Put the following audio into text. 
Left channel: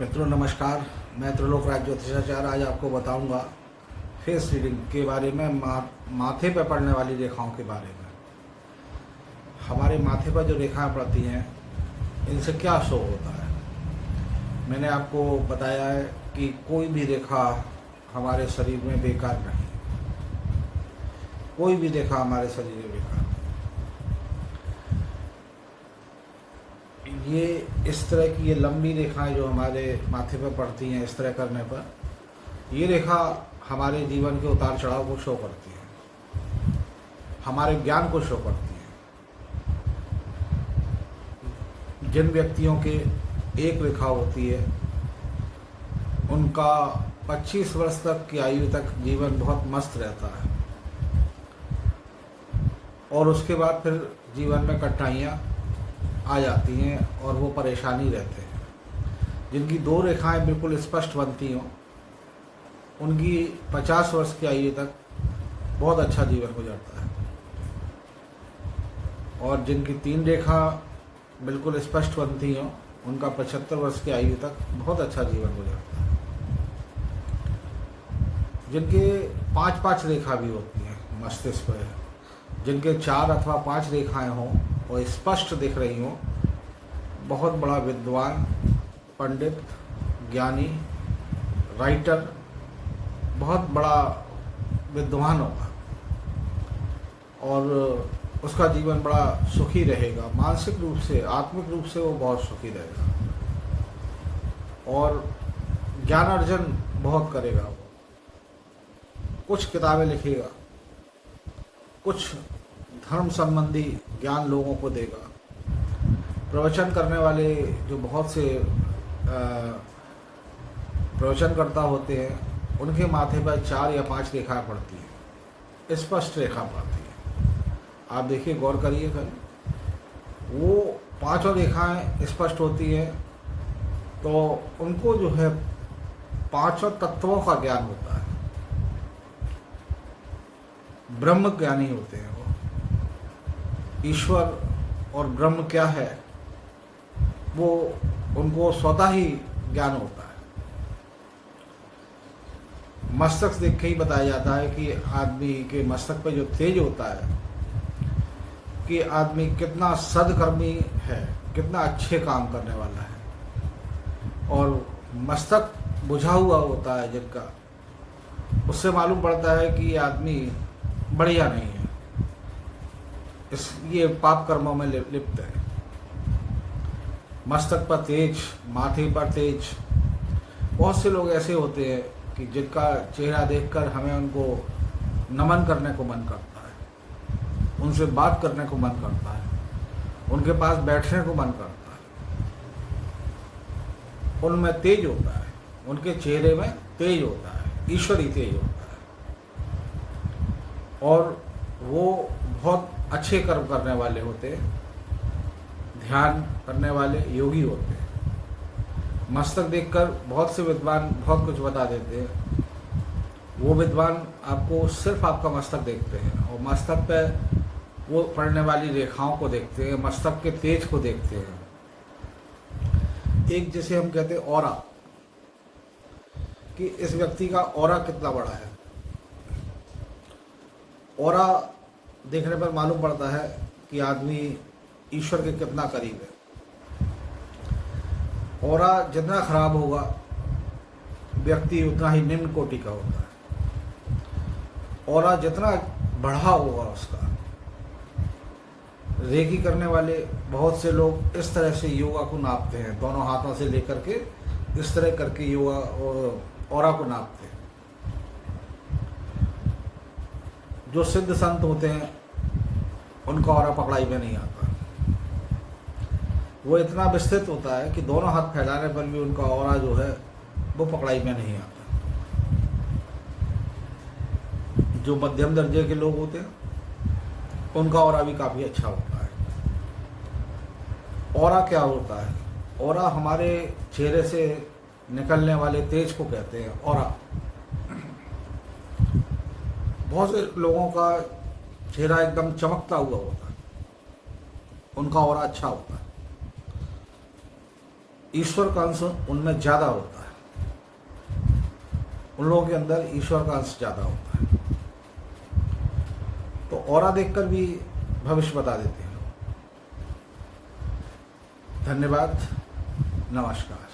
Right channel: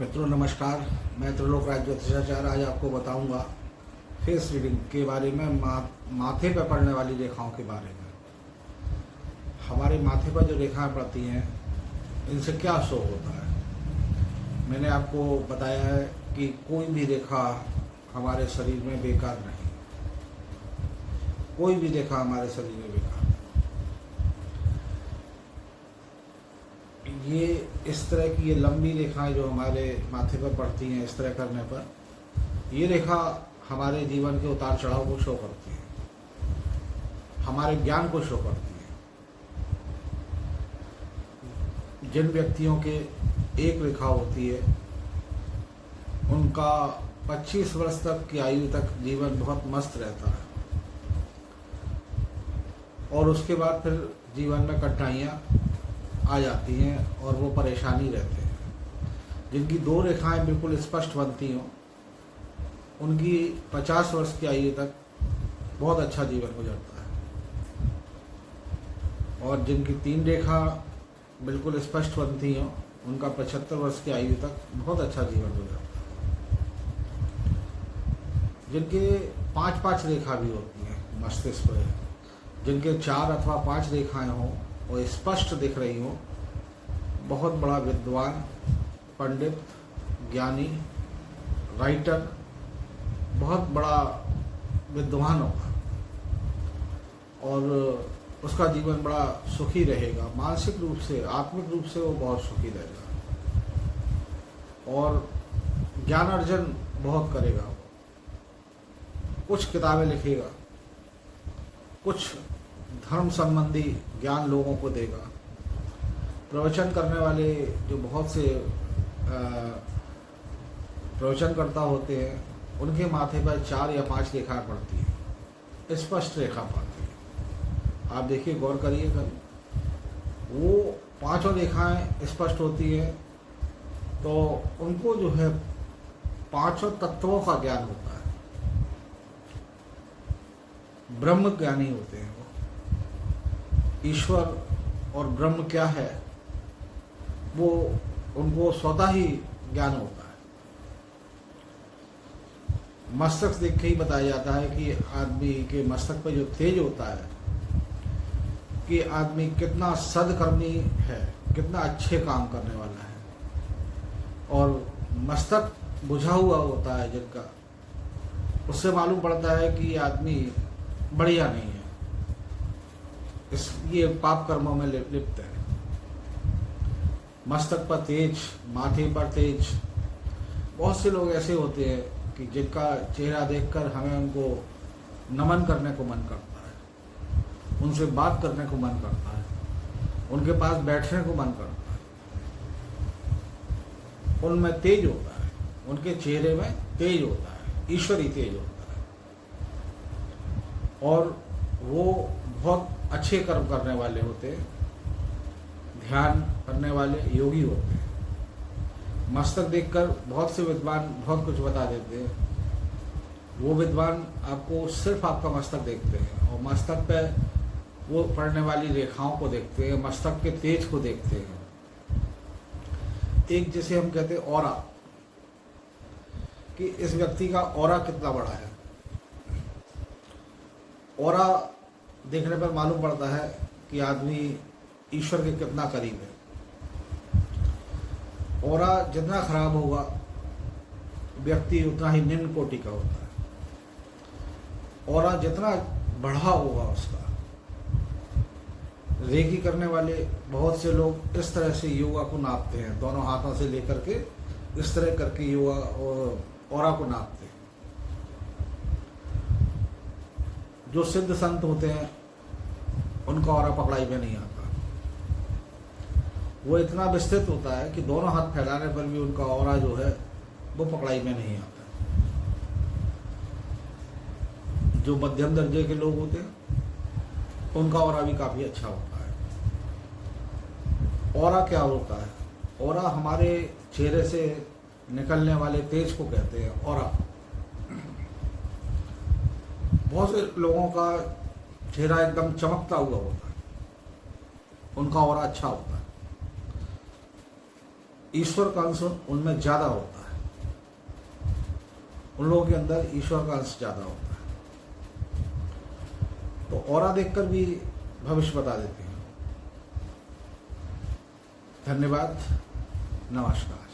मित्रों नमस्कार। मैं त्रिलोक राज ज्योतिषाचार्य आज आपको बताऊंगा फेस रीडिंग के बारे में, माथे पर पड़ने वाली रेखाओं के बारे में। हमारे माथे पर जो रेखाएं पड़ती हैं इनसे क्या शो होता है। मैंने आपको बताया है कि कोई भी रेखा हमारे शरीर में बेकार नहीं, कोई भी रेखा हमारे शरीर में बेकार नहीं। ये इस तरह की ये लंबी रेखाएं जो हमारे माथे पर पड़ती हैं, इस तरह करने पर ये रेखा हमारे जीवन के उतार चढ़ाव को शो करती है, हमारे ज्ञान को शो करती है। जिन व्यक्तियों के एक रेखा होती है उनका 25 वर्ष तक की आयु तक जीवन बहुत मस्त रहता है और उसके बाद फिर जीवन में कठिनाइयाँ आ जाती हैं और वो परेशानी रहते हैं। जिनकी दो रेखाएं बिल्कुल स्पष्ट बनती हों उनकी 50 वर्ष की आयु तक बहुत अच्छा जीवन गुजरता है और जिनकी तीन रेखा बिल्कुल स्पष्ट बनती हों उनका 75 वर्ष की आयु तक बहुत अच्छा जीवन गुजरता है। जिनके 5-5 रेखा भी होती हैं मस्तिष्क पर, जिनके 4 अथवा 5 रेखाएं हों और स्पष्ट दिख रही हों, बहुत बड़ा विद्वान, पंडित, ज्ञानी, राइटर, बहुत बड़ा विद्वान होगा और उसका जीवन बड़ा सुखी रहेगा। मानसिक रूप से, आत्मिक रूप से वो बहुत सुखी रहेगा और ज्ञान अर्जन बहुत करेगा। वो कुछ किताबें लिखेगा, कुछ धर्म संबंधी ज्ञान लोगों को देगा। प्रवचन करने वाले जो बहुत से प्रवचनकर्ता होते हैं उनके माथे पर 4 या 5 रेखाएं पड़ती हैं, स्पष्ट रेखा पड़ती है। आप देखिए, गौर करिए कल, वो 5 रेखाएं स्पष्ट होती हैं तो उनको जो है 5 तत्वों का ज्ञान होता है, ब्रह्म ज्ञानी होते हैं। ईश्वर और ब्रह्म क्या है वो उनको स्वतः ही ज्ञान होता है। मस्तक देख के ही बताया जाता है कि आदमी के मस्तक पे जो तेज होता है कि आदमी कितना सदकर्मी है, कितना अच्छे काम करने वाला है। और मस्तक बुझा हुआ होता है जिनका, उससे मालूम पड़ता है कि आदमी बढ़िया नहीं है, ये पाप कर्मों में लिप्त है। मस्तक पर तेज, माथे पर तेज। बहुत से लोग ऐसे होते हैं कि जिनका चेहरा देखकर हमें उनको नमन करने को मन करता है, उनसे बात करने को मन करता है, उनके पास बैठने को मन करता है। उनमें तेज होता है, उनके चेहरे में तेज होता है, ईश्वरी तेज होता है और वो बहुत अच्छे कर्म करने वाले होते हैं, ध्यान करने वाले योगी होते हैं। मस्तक देखकर बहुत से विद्वान बहुत कुछ बता देते हैं। वो विद्वान आपको सिर्फ आपका मस्तक देखते हैं और मस्तक पे वो पड़ने वाली रेखाओं को देखते हैं, मस्तक के तेज को देखते हैं। एक जिसे हम कहते हैं ऑरा, कि इस व्यक्ति का ऑरा कितना बड़ा है। ऑरा देखने पर मालूम पड़ता है कि आदमी ईश्वर के कितना करीब है। ऑरा जितना खराब होगा व्यक्ति उतना ही निम्न कोटि का होता है। ऑरा जितना बढ़ा होगा उसका, रेकी करने वाले बहुत से लोग इस तरह से योगा को नापते हैं, दोनों हाथों से लेकर के इस तरह करके योगा और ऑरा को नापते हैं। जो सिद्ध संत होते हैं उनका ऑरा पकड़ाई में नहीं आता। वो इतना विस्तृत होता है कि दोनों हाथ फैलाने पर भी उनका ऑरा जो है वो पकड़ाई में नहीं आता। जो मध्यम दर्जे के लोग होते हैं उनका ऑरा भी काफी अच्छा होता है। ऑरा क्या होता है? ऑरा हमारे चेहरे से निकलने वाले तेज को कहते हैं ऑरा। बहुत से लोगों का चेहरा एकदम चमकता हुआ होता है, उनका ऑरा अच्छा होता है। ईश्वर का अंश उनमें ज़्यादा होता है, उन लोगों के अंदर ईश्वर का अंश ज़्यादा होता है। तो ऑरा देखकर भी भविष्य बता देते हैं। धन्यवाद, नमस्कार।